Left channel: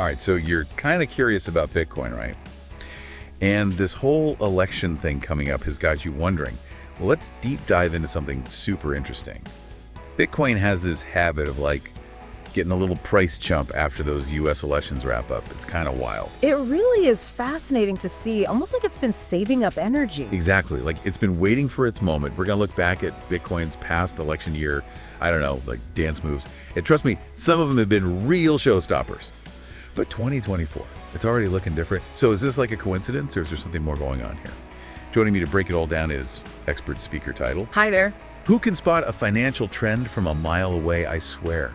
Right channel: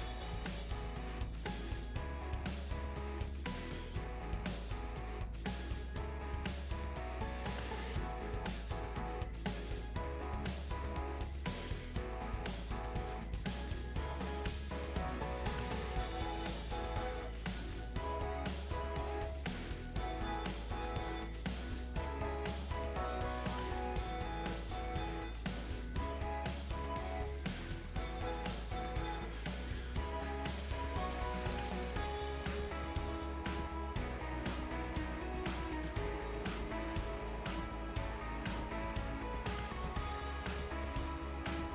All right, so you're kind of curious about Bitcoin, right? And this whole election thing coming up has got you wondering. Well, let's deep dive into something super interesting. Bitcoin has this habit of getting a little price jump after those US elections wrap up. It's kind of wild. It really is fascinating to see, almost like it's been saving up energy. Exactly. Like it's been waiting for its moment. We're going to look back at Bitcoin's past election year, I don't know, like dance moves. And trust me, some of them have been real showstoppers. But 2024, it's already looking different. So is this like a coincidence or is there something more going on here? Joining me to break it all down is expert speaker title. Hi there. Who can spot a financial trend from a mile away, I swear?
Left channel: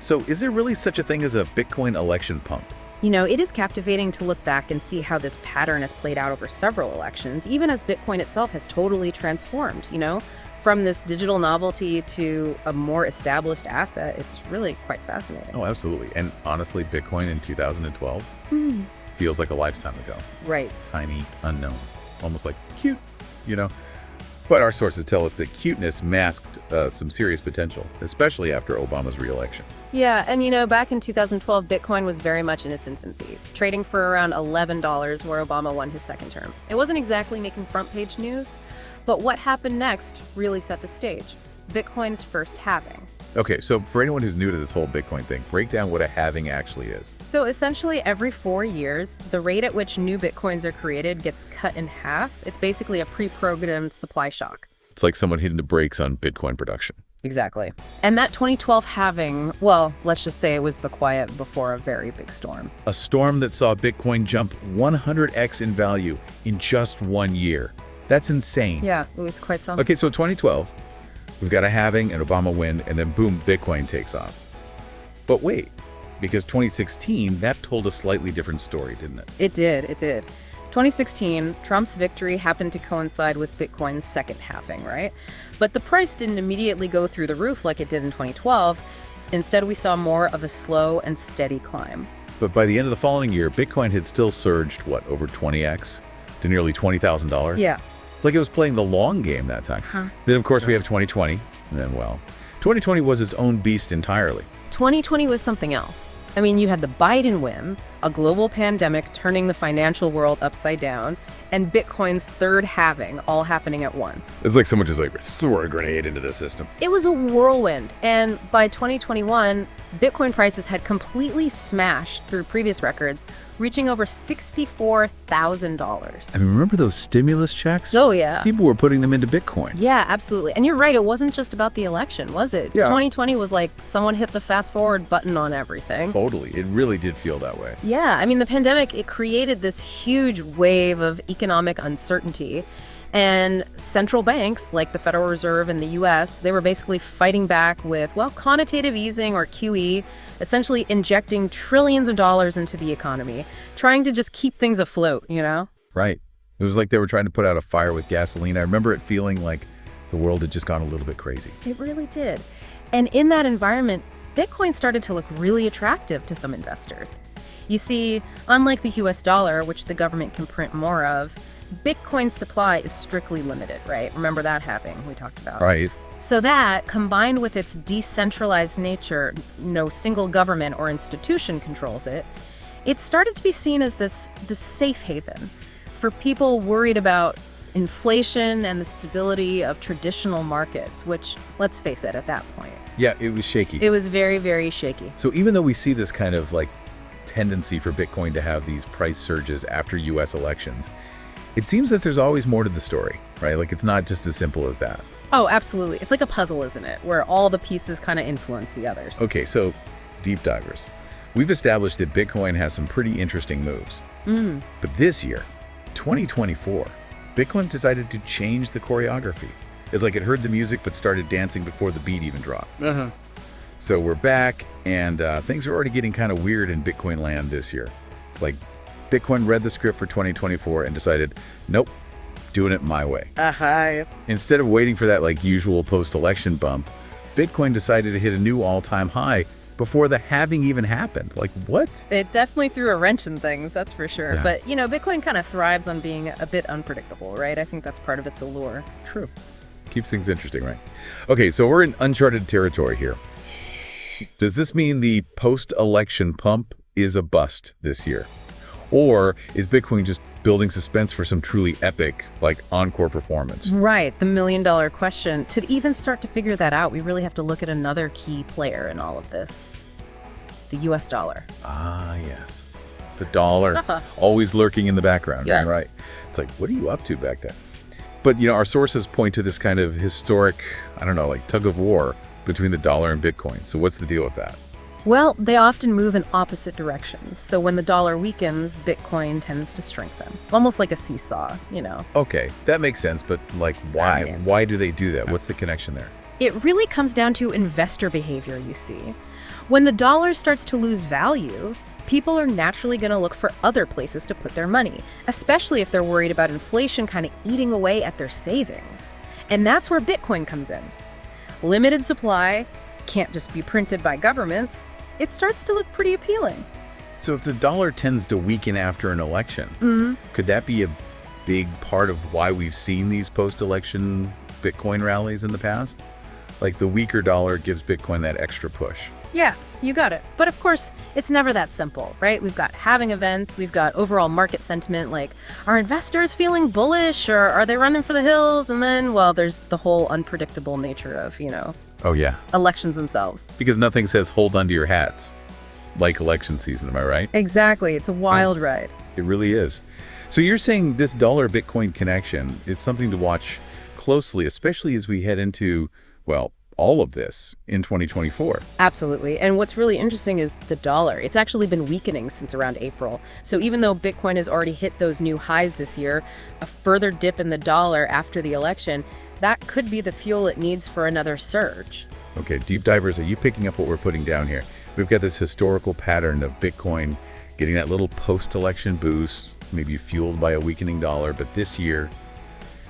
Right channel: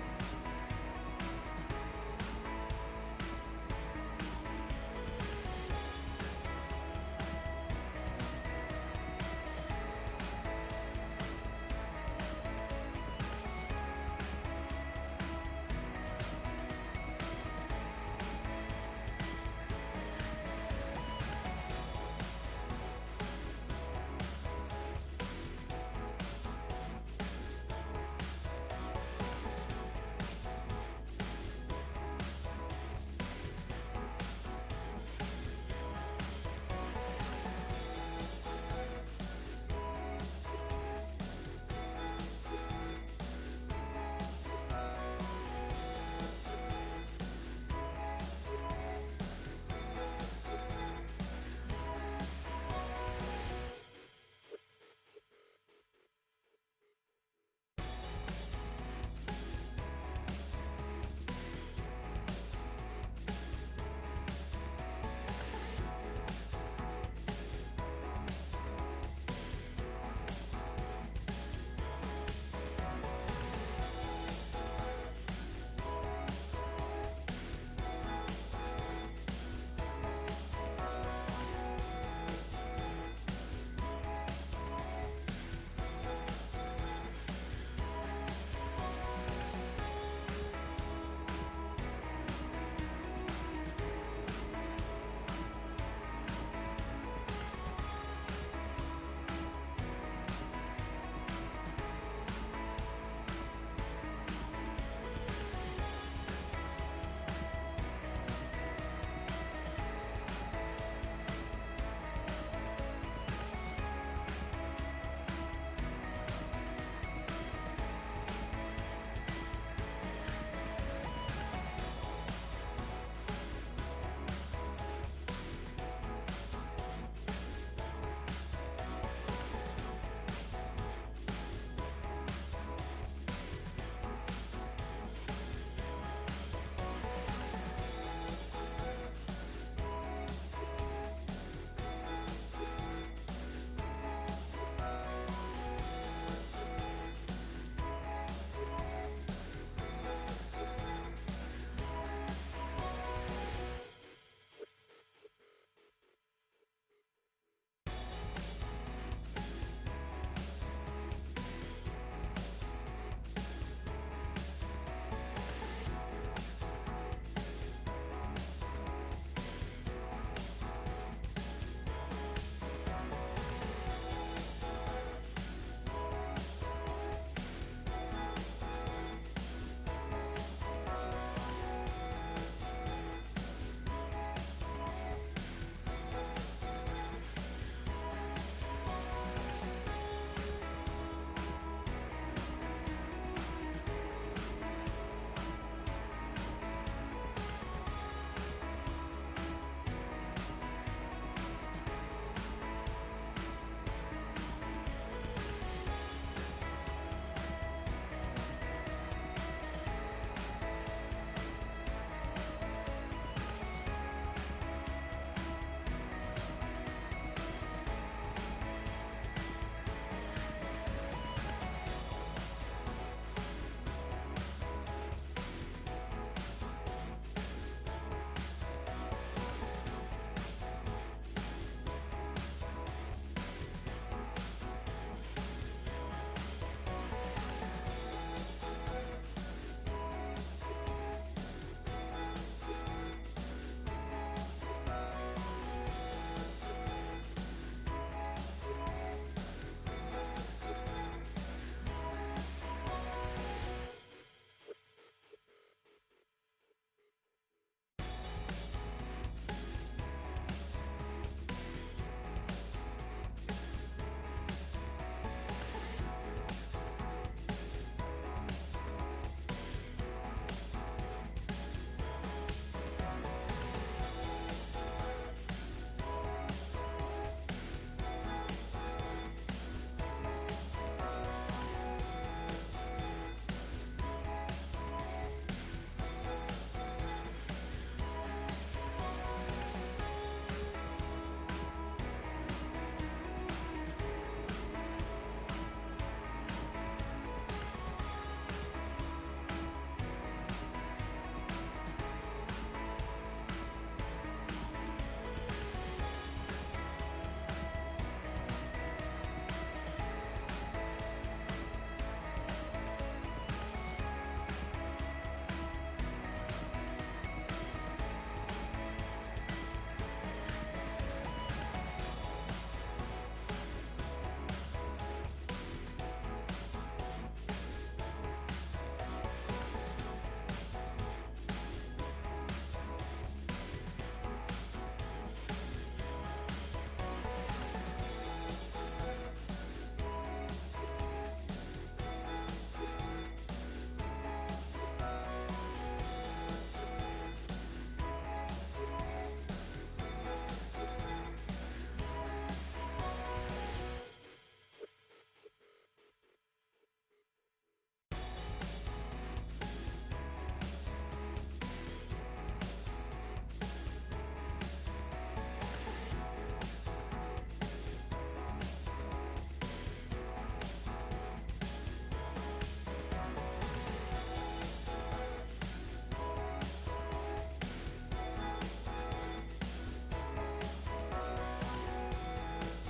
So is there really such a thing as a Bitcoin election pump? You know, it is captivating to look back and see how this pattern has played out over several elections, even as Bitcoin itself has totally transformed, From this digital novelty to a more established asset, it's really quite fascinating. Oh, absolutely. And honestly, Bitcoin in 2012 feels like a lifetime ago. Right. Tiny, unknown, almost like cute. But our sources tell us that cuteness masked some serious potential, especially after Obama's re-election. Yeah, and back in 2012, Bitcoin was very much in its infancy, trading for around $11 where Obama won his second term. It wasn't exactly making front-page news, but what happened next really set the stage. Bitcoin's first halving. Okay, so for anyone who's new to this whole Bitcoin thing, break down what a halving actually is. So essentially, every 4 years, the rate at which new Bitcoins are created gets cut in half. It's basically a pre-programmed supply shock. It's like someone hitting the brakes on Bitcoin production. Exactly. And that 2012 halving, well, let's just say it was the quiet before a very big storm. A storm that saw Bitcoin jump 100x in value in just 1 year. That's insane. Yeah, it was quite something. Okay, so 2012, we've got a halving, an Obama win, and then boom, Bitcoin takes off. But wait, because 2016, that told a slightly different story, didn't it? It did. 2016, Trump's victory happened to coincide with Bitcoin's second halving, right? But the price didn't immediately go through the roof like it did in 2012. Instead, we saw more of a slow and steady climb. But by the end of the following year, Bitcoin had still surged, over 20x to nearly $20,000? Yeah. It's like it was playing the long game that time. Then, of course, we have 2020, and then, 2020 was its own beast entirely. 2020 was something else. I mean, you had the Biden win, a global pandemic turning the financial world upside down, and Bitcoin's third halving all happening at once. It's like someone just threw a grenade into the system. It was a whirlwind, and by 2021, Bitcoin prices had completely smashed through previous records, reaching over $64,000. I mean, remember those stimulus checks? Oh, yeah. People were putting them into Bitcoin. Yeah, absolutely. And you're right, it wasn't just about the election, was it? Yeah. 2020 was like someone hit the fast forward button on everything. Totally. It really did feel that way. Yeah, I mean, the pandemic, it created this huge wave of economic uncertainty. And central banks, like the Federal Reserve in the US, they were basically fighting back with, quantitative easing, or QE, essentially injecting trillions of dollars into the economy, trying to just keep things afloat, Right. It was like they were trying to put out a fire with gasoline. I remember it feeling like the world had just gone a little bit crazy. It really did. And in that environment, Bitcoin started to look really attractive to some investors. You see, unlike the US dollar, which the government can print more of, Bitcoin's supply is strictly limited, right? Remember that halving we talked about. Right. So that, combined with its decentralized nature, no single government or institution controls it, it started to be seen as this safe haven for people worried about inflation and the stability of traditional markets, which, let's face it, at that point, Yeah, it was shaky. it was very, very shaky. So even though we see this kind of tendency for Bitcoin to have these price surges after US elections, it seems as there's always more to the story, right? Like it's not just as simple as that. Oh, absolutely. It's like a puzzle, isn't it? Where all the pieces kind of influence the others. Okay, so deep divers. We've established that Bitcoin has some pretty interesting moves. But this year, 2024, Bitcoin decided to change the choreography. It's like it heard the music but started dancing before the beat even dropped. So we're back, and things are already getting kind of weird in Bitcoin land this year. It's like Bitcoin read the script for 2024 and decided, nope, doing it my way. Instead of waiting for that usual post-election bump, Bitcoin decided to hit a new all-time high before the halving even happened. What? It definitely threw a wrench in things, that's for sure. Yeah. But, Bitcoin kind of thrives on being a bit unpredictable, right? I think that's part of its allure. True. Keeps things interesting, right? Okay, so we're in uncharted territory here. Does this mean the post-election pump is a bust this year? Or is Bitcoin just building suspense for some truly epic, like, encore performance? Right, the million-dollar question. To even start to figure that out, we really have to look at another key player in all of this, the US dollar. Ah, yes. The dollar, always lurking in the background, Yeah. right? It's like, what are you up to back then? But, our sources point to this kind of historic, I don't know, like tug of war between the dollar and Bitcoin. So what's the deal with that? Well, they often move in opposite directions. So when the dollar weakens, Bitcoin tends to strengthen. Almost like a seesaw. Okay, that makes sense, but like, why? Yeah. Why do they do that? What's the connection there? It really comes down to investor behavior, you see. When the dollar starts to lose value, people are naturally going to look for other places to put their money, especially if they're worried about inflation kind of eating away at their savings. And that's where Bitcoin comes in. Limited supply, can't just be printed by governments. It starts to look pretty appealing. So if the dollar tends to weaken after an election, could that be a big part of why we've seen these post-election Bitcoin rallies in the past? Like the weaker dollar gives Bitcoin that extra push. Yeah, you got it. But of course, it's never that simple, right? We've got halving events, we've got overall market sentiment, like, are investors feeling bullish or are they running for the hills? And then, well, there's the whole unpredictable nature of, Oh yeah, elections themselves. because nothing says hold onto your hats like election season, am I right? Exactly. It's a wild ride. It really is. So you're saying this dollar-Bitcoin connection is something to watch closely, especially as we head into, well, all of this in 2024. Absolutely. And what's really interesting is the dollar. It's actually been weakening since around April. So even though Bitcoin has already hit those new highs this year, a further dip in the dollar after the election, that could be the fuel it needs for another surge. Okay, deep divers, are you picking up what we're putting down here? We've got this historical pattern of Bitcoin getting that little post-election boost, maybe fueled by a weakening dollar, but this year,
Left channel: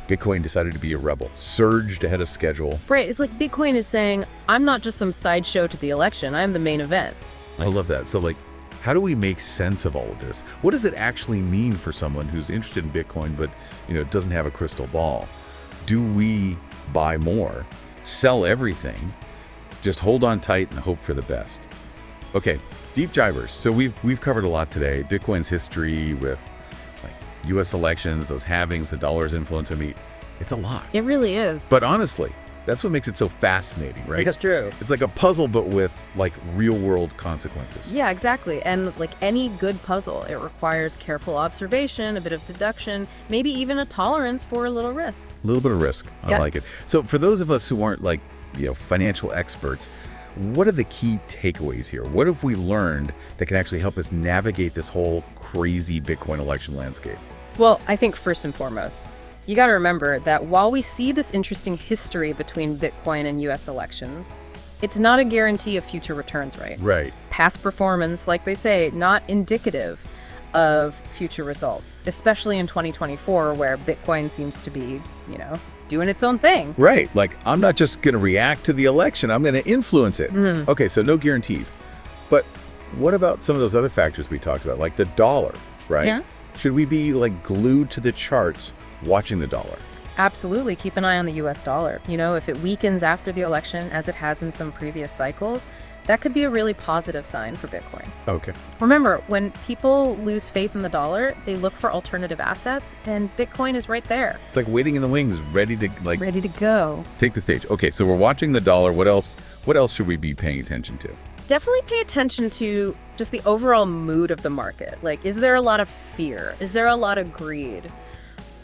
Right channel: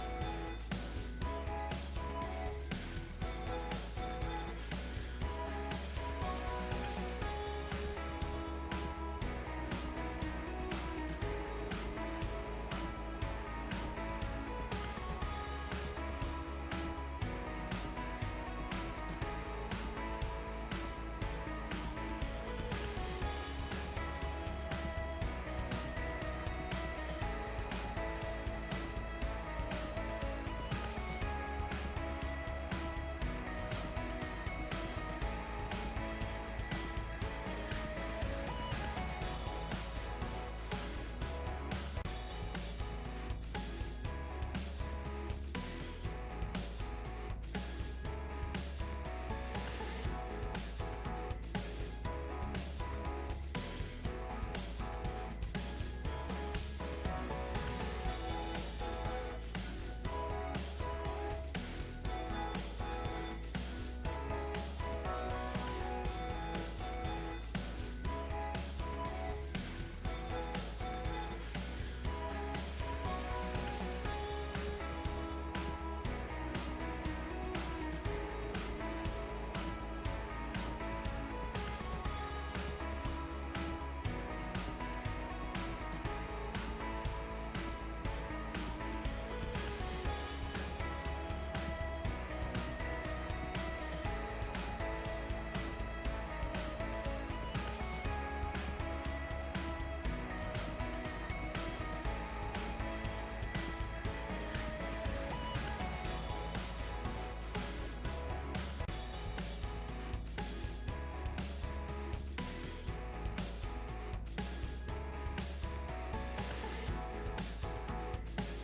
Bitcoin decided to be a rebel, surged ahead of schedule. Right. It's like Bitcoin is saying, I'm not just some sideshow to the election. I'm the main event. I love that. So, like, how do we make sense of all of this? What does it actually mean for someone who's interested in Bitcoin but, doesn't have a crystal ball? Do we buy more, sell everything, just hold on tight and hope for the best? Okay, deep divers. So we've covered a lot today. Bitcoin's history with U.S. elections, those halvings, the dollar's influence. I mean, it's a lot. It really is. But honestly, that's what makes it so fascinating, right? It's true. It's like a puzzle, but with like real-world consequences. Yeah, exactly. And like any good puzzle, it requires careful observation, a bit of deduction, maybe even a tolerance for a little risk. A little bit of risk. I Yeah. like it. So for those of us who aren't like, financial experts, what are the key takeaways here? What have we learned that can actually help us navigate this whole crazy Bitcoin election landscape? Well, I think first and foremost, you got to remember that while we see this interesting history between Bitcoin and US elections, it's not a guarantee of future returns, right? Right. Past performance, like they say, not indicative of future results, especially in 2024, where Bitcoin seems to be, doing its own thing. Right. Like, I'm not just going to react to the election, I'm going to influence it. Okay, so no guarantees. But what about some of those other factors we talked about, like the dollar, right? Yeah. Should we be like glued to the charts watching the dollar? Absolutely. Keep an eye on the US dollar. If it weakens after the election, as it has in some previous cycles, that could be a really positive sign for Bitcoin. Okay. Remember, when people lose faith in the dollar, they look for alternative assets, and Bitcoin is right there, It's like waiting in the wings, ready to like ready to go. take the stage. Okay, so we're watching the dollar. What else should we be paying attention to? Definitely pay attention to just the overall mood of the market. Like, is there a lot of fear? Is there a lot of greed?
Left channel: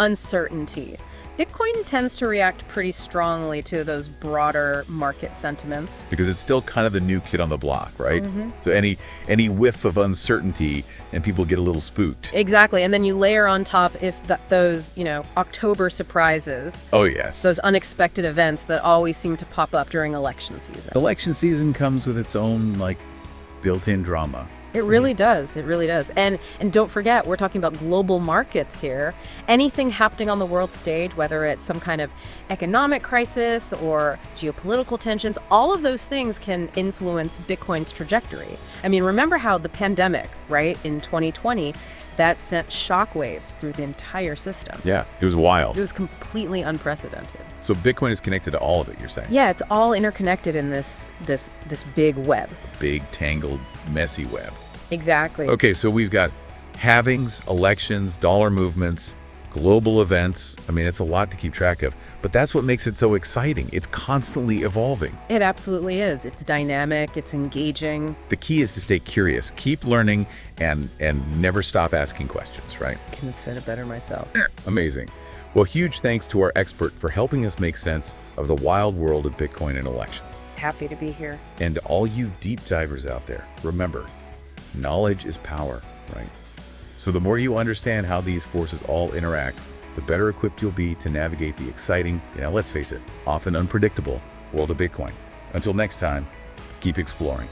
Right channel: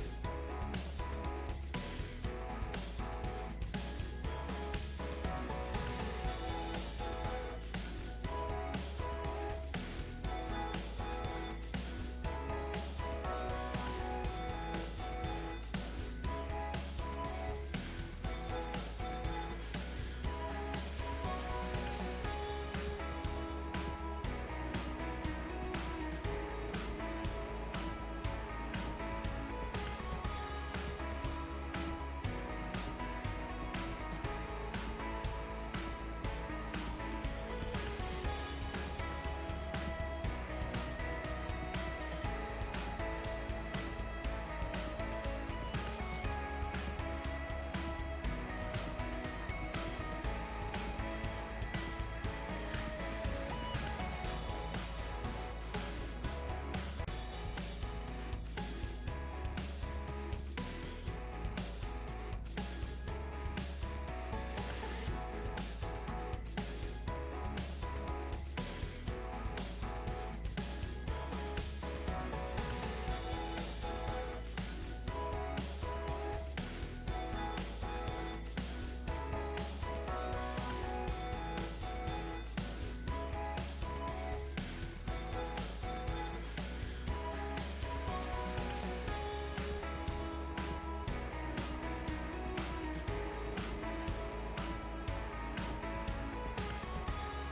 Uncertainty? Bitcoin tends to react pretty strongly to those broader market sentiments. Because it's still kind of the new kid on the block, right? So any whiff of uncertainty and people get a little spooked. Exactly. And then you layer on top if those, October surprises, Oh yes. those unexpected events that always seem to pop up during election season. Election season comes with its own like built-in drama. It really does. It really does. And don't forget, we're talking about global markets here. Anything happening on the world stage, whether it's some kind of economic crisis or geopolitical tensions, all of those things can influence Bitcoin's trajectory. I mean, remember how the pandemic, right, in 2020, that sent shockwaves through the entire system. Yeah, it was wild. It was completely unprecedented. So Bitcoin is connected to all of it, you're saying? Yeah, it's all interconnected in this big web. Big, tangled, messy web. Exactly. Okay, so we've got halvings, elections, dollar movements, global events. I mean, it's a lot to keep track of, but that's what makes it so exciting. It's constantly evolving. It absolutely is. It's dynamic, it's engaging. The key is to stay curious, keep learning, and never stop asking questions, right? Couldn't have said it better myself. Amazing. Well, huge thanks to our expert for helping us make sense of the wild world of Bitcoin and elections. Happy to be here. And to all you deep divers out there, remember, knowledge is power, right? So the more you understand how these forces all interact, the better equipped you'll be to navigate the exciting, let's face it, often unpredictable world of Bitcoin. Until next time, keep exploring.